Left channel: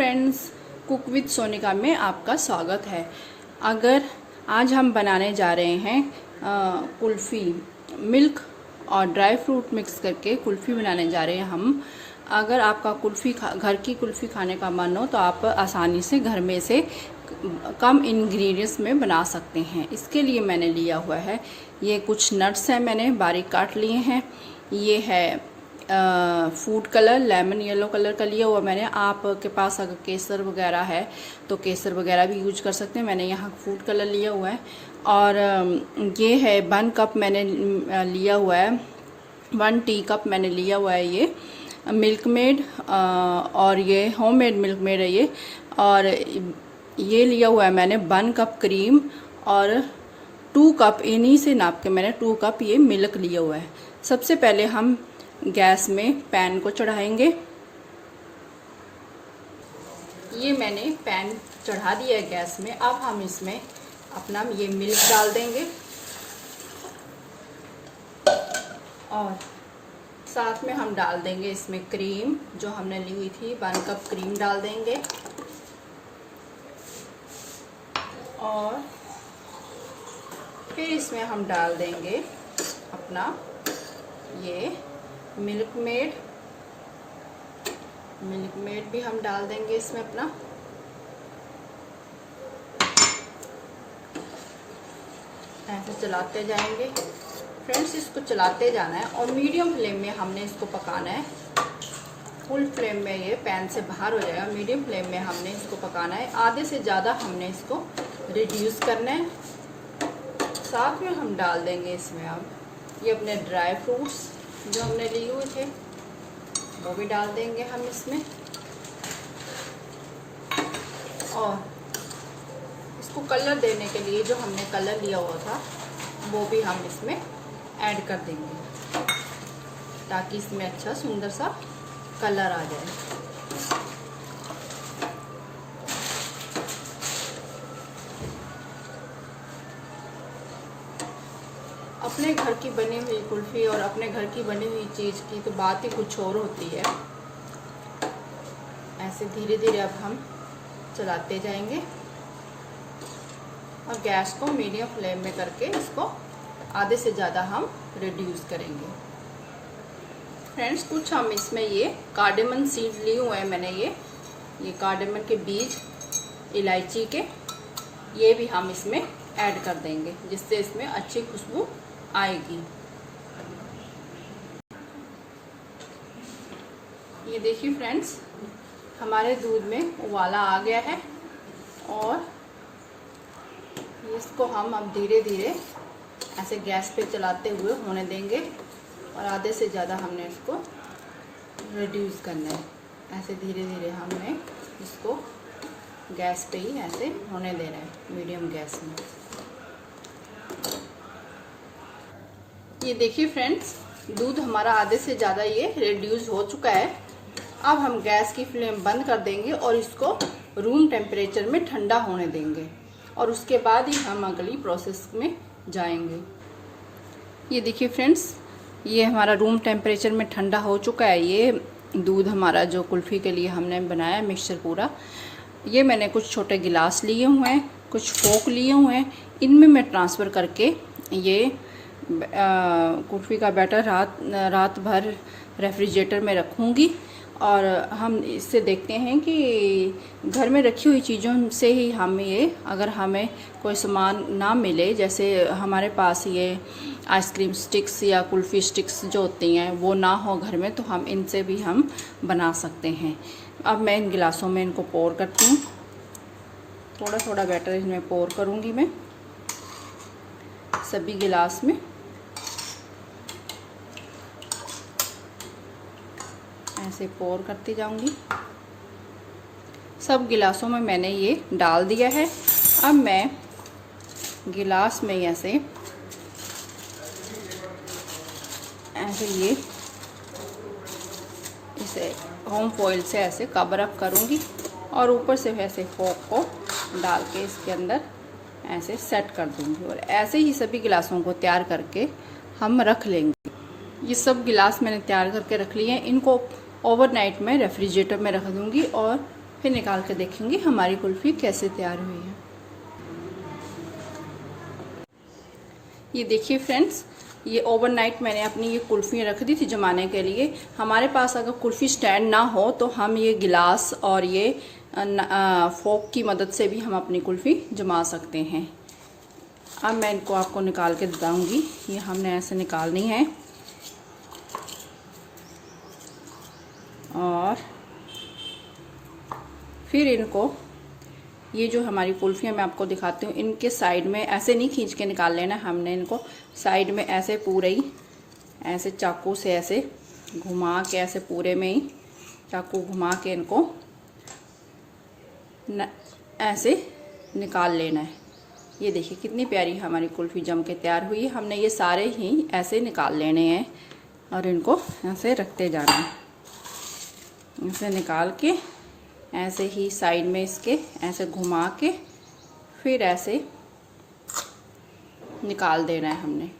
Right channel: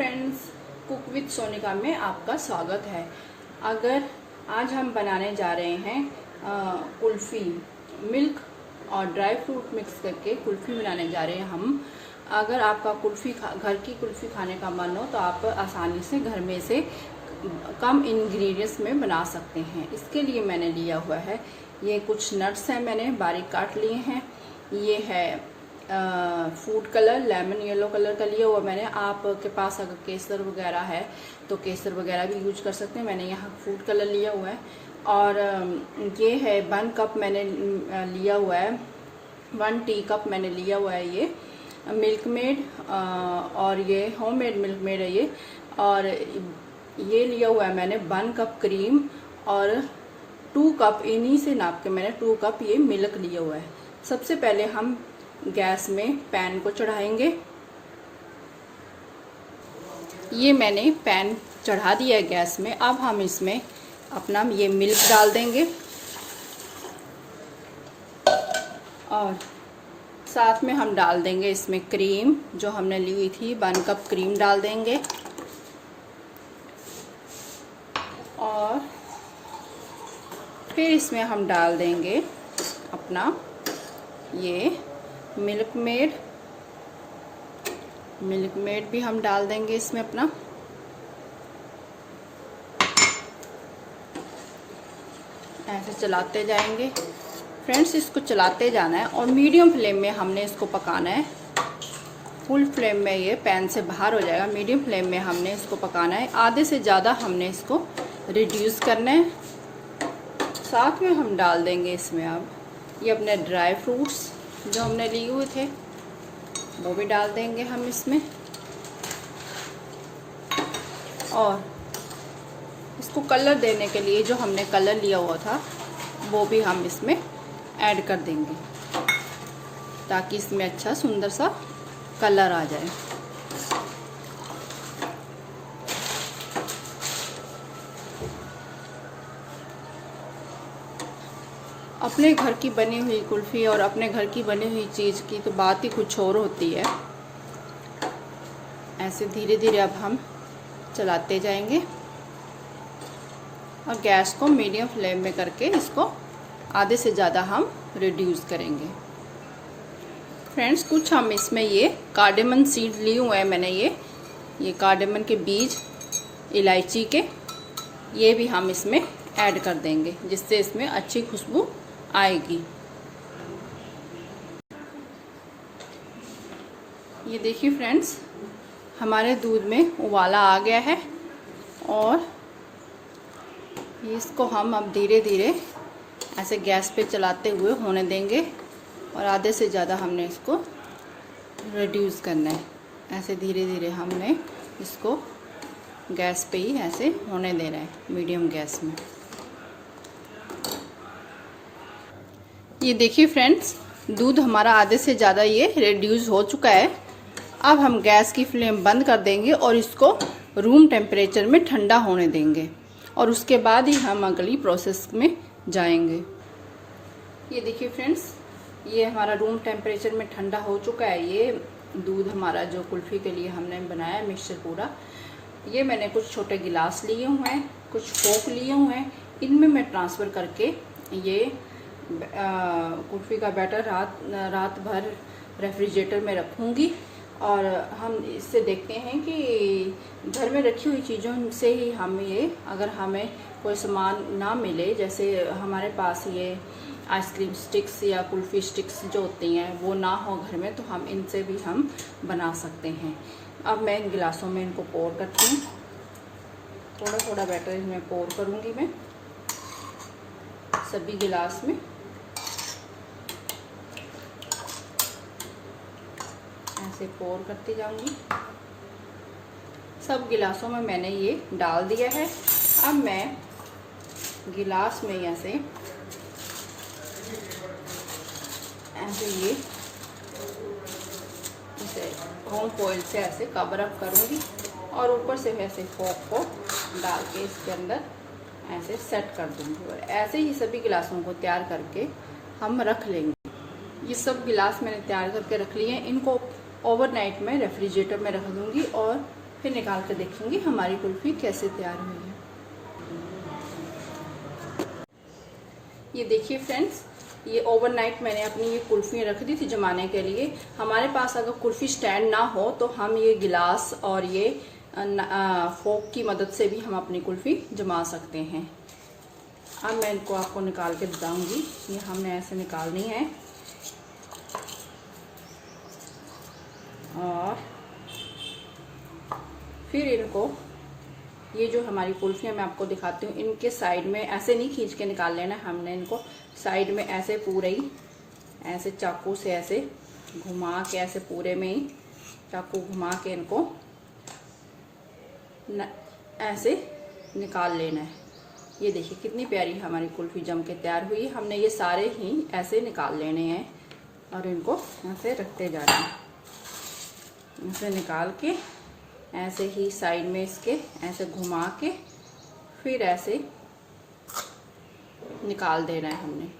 Friends, cook with Sonika में आपका स्वागत है। अगर आज हम बनाने जा रहे हैं कुल्फ़ी, मिल्क और ड्राई फ्रूट मिक्स करके कुल्फ़ी बनाने जा रहे हैं हम। अगर आपका घर की कुल्फ़ी खाने का मन हो तो आप आसानी से घर में से कम इंग्रेडिएंट्स में बना सकते हैं। इसके लिए मैंने लिया हुआ है, ये कुछ नट्स हैं, मैंने बारीक काट लिए हैं। ये है food colour, lemon yellow colour का लिया हुआ मैंने। आपके पास अगर केसर वगैरह है तो केसर वगैरह भी यूज कर सकते हैं। मैंने यहाँ फूड कलर लिया हुआ है। और ये है 1 कप मैंने लिया हुआ है, 1 टी कप मैंने लिया हुआ है ये मिल्क मेड, और ये होममेड मिल्क मेड है ये। और ये लिया हुआ है मैंने 1 कप क्रीम और 2 कप, इन्हीं से नाप के मैंने 2 कप ये मिल्क लिया हुआ है। सबसे पहले हम गैस में पैन को चढ़ाएंगे। ये मैंने पैन चढ़ा दिया है गैस में। अब हम इसमें अपना ये मिल्क डाल देंगे और साथ में हम डाल देंगे इसमें क्रीम जो हमने ली हुई थी। 1 कप क्रीम डाल देंगे और फिर इसमें हम डाल देंगे अपना ये मिल्क मेड भी हम डाल देंगे इसमें अपना। ऐसे चलाते जाएंगे फ्रेंड्स, इसको चलाते जाना है और मीडियम फ्लेम में हमने इसको पकाना है। फुल फ्लेम में ये पैन से बाहर हो जाएगा। मीडियम फ्लेम में हमने इसको पकाना है। आधे से ज़्यादा हमने इसको रिड्यूस करना है। साथ में हम डाल देंगे इसमें अब ये अपने ड्राई फ्रूट्स जो हमने लिए हुए थे वो भी डाल देंगे हम इसमें। और इसको कलर देने के लिए जो हमने कलर लिया हुआ था वो भी हम इसमें ऐड कर देंगे ताकि इसमें अच्छा सुंदर सा कलर आ जाए। अपने घर की बनी हुई कुल्फ़ी और अपने घर की बनी हुई चीज़ की तो बात ही कुछ और होती है। ऐसे धीरे धीरे अब हम चलाते जाएंगे और गैस को मीडियम फ्लेम में करके इसको आधे से ज़्यादा हम रिड्यूस करेंगे। फ्रेंड्स, कुछ हम इसमें ये कार्डेमन सीड लिए हुए हैं मैंने, ये कार्डेमन के बीज, इलायची के, ये भी हम इसमें ऐड कर देंगे जिससे इसमें अच्छी खुशबू आएगी। ये देखिए फ्रेंड्स, हमारे दूध में उबाला आ गया है और इसको हम अब धीरे धीरे ऐसे गैस पे चलाते हुए होने देंगे और आधे से ज़्यादा हमने इसको रिड्यूस करना है। ऐसे धीरे धीरे हमने इसको गैस पे ही ऐसे होने देना है, मीडियम गैस में। ये देखिए फ्रेंड्स, दूध हमारा आधे से ज़्यादा ये रिड्यूस हो चुका है। अब हम गैस की फ्लेम बंद कर देंगे और इसको रूम टेम्परेचर में ठंडा होने देंगे और उसके बाद ही हम अगली प्रोसेस में जाएंगे। ये देखिए फ्रेंड्स, ये हमारा रूम टेम्परेचर में ठंडा हो चुका है। ये दूध हमारा जो कुल्फ़ी के लिए हमने बनाया है मिक्सचर पूरा, ये मैंने कुछ छोटे गिलास लिए हुए हैं, कुछ फोक लिए हुए हैं, इनमें मैं ट्रांसफ़र करके ये कुल्फ़ी का बैटर रात भर रेफ्रिजरेटर में रखूँगी। और हम इससे देखते हैं कि घर में रखी हुई चीज़ों से ही हम ये, अगर हमें कोई सामान ना मिले, जैसे हमारे पास ये आइसक्रीम स्टिक्स या कुल्फ़ी स्टिक्स जो होती हैं वो ना हो घर में, तो हम इनसे भी हम बना सकते हैं। अब मैं इन गिलासों में इनको पोर करती हूँ। थोड़ा थोड़ा बैटर इसमें पोर करूँगी मैं सभी गिलास में। ऐसे पोर करती जाऊंगी। सब गिलासों में मैंने ये डाल दिया है। अब मैं गिलास में ऐसे ये इसे होम फॉइल से ऐसे कवर अप करूंगी और ऊपर से ऐसे फोक को डाल के इसके अंदर ऐसे सेट कर दूंगी। और ऐसे ही सभी गिलासों को तैयार करके हम रख लेंगे। ये सब गिलास मैंने तैयार करके रख लिए हैं। इनको ओवरनाइट में रेफ्रिजरेटर में रख दूंगी और फिर निकाल के देखेंगे हमारी कुल्फ़ी कैसे तैयार हुई है। ये देखिए फ्रेंड्स, ये ओवरनाइट मैंने अपनी ये कुल्फ़ियाँ रख दी थी जमाने के लिए। हमारे पास अगर कुल्फ़ी स्टैंड ना हो तो हम ये गिलास और ये फोक की मदद से भी हम अपनी कुल्फ़ी जमा सकते हैं। अब मैं इनको आपको निकाल के दूँगी। ये हमने ऐसे निकालनी है और फिर इनको, ये जो हमारी कुल्फ़ियाँ मैं आपको दिखाती हूँ, इनके साइड में ऐसे नहीं खींच के निकाल लेना, हमने इनको साइड में ऐसे पूरे ही ऐसे चाकू से ऐसे घुमा के, ऐसे पूरे में ही चाकू घुमा के इनको ऐसे निकाल लेना है। ये देखिए कितनी प्यारी हमारी कुल्फ़ी जम के तैयार हुई है। हमने ये सारे ही ऐसे निकाल लेने हैं और इनको ऐसे रखते जाना है। ऐसे निकाल के ऐसे ही साइड में इसके ऐसे घुमा के फिर ऐसे निकाल देना है हमने।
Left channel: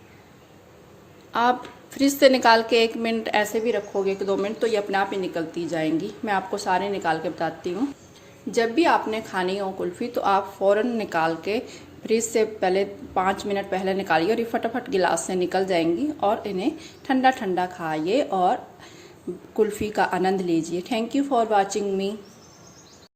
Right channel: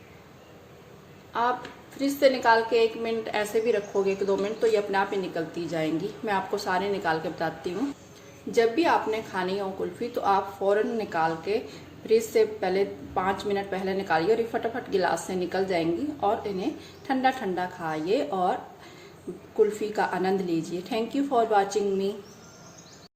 आप फ्रिज से निकाल के 1 मिनट ऐसे भी रखोगे, 1-2 मिनट, तो ये अपने आप ही निकलती जाएंगी। मैं आपको सारे निकाल के बताती हूँ। जब भी आपने खानी हो कुल्फ़ी तो आप फ़ौरन निकाल के फ्रिज से पहले 5 मिनट पहले निकालिए और ये फटाफट गिलास से निकल जाएंगी और इन्हें ठंडा ठंडा खाइए और कुल्फ़ी का आनंद लीजिए। Thank you for watching me.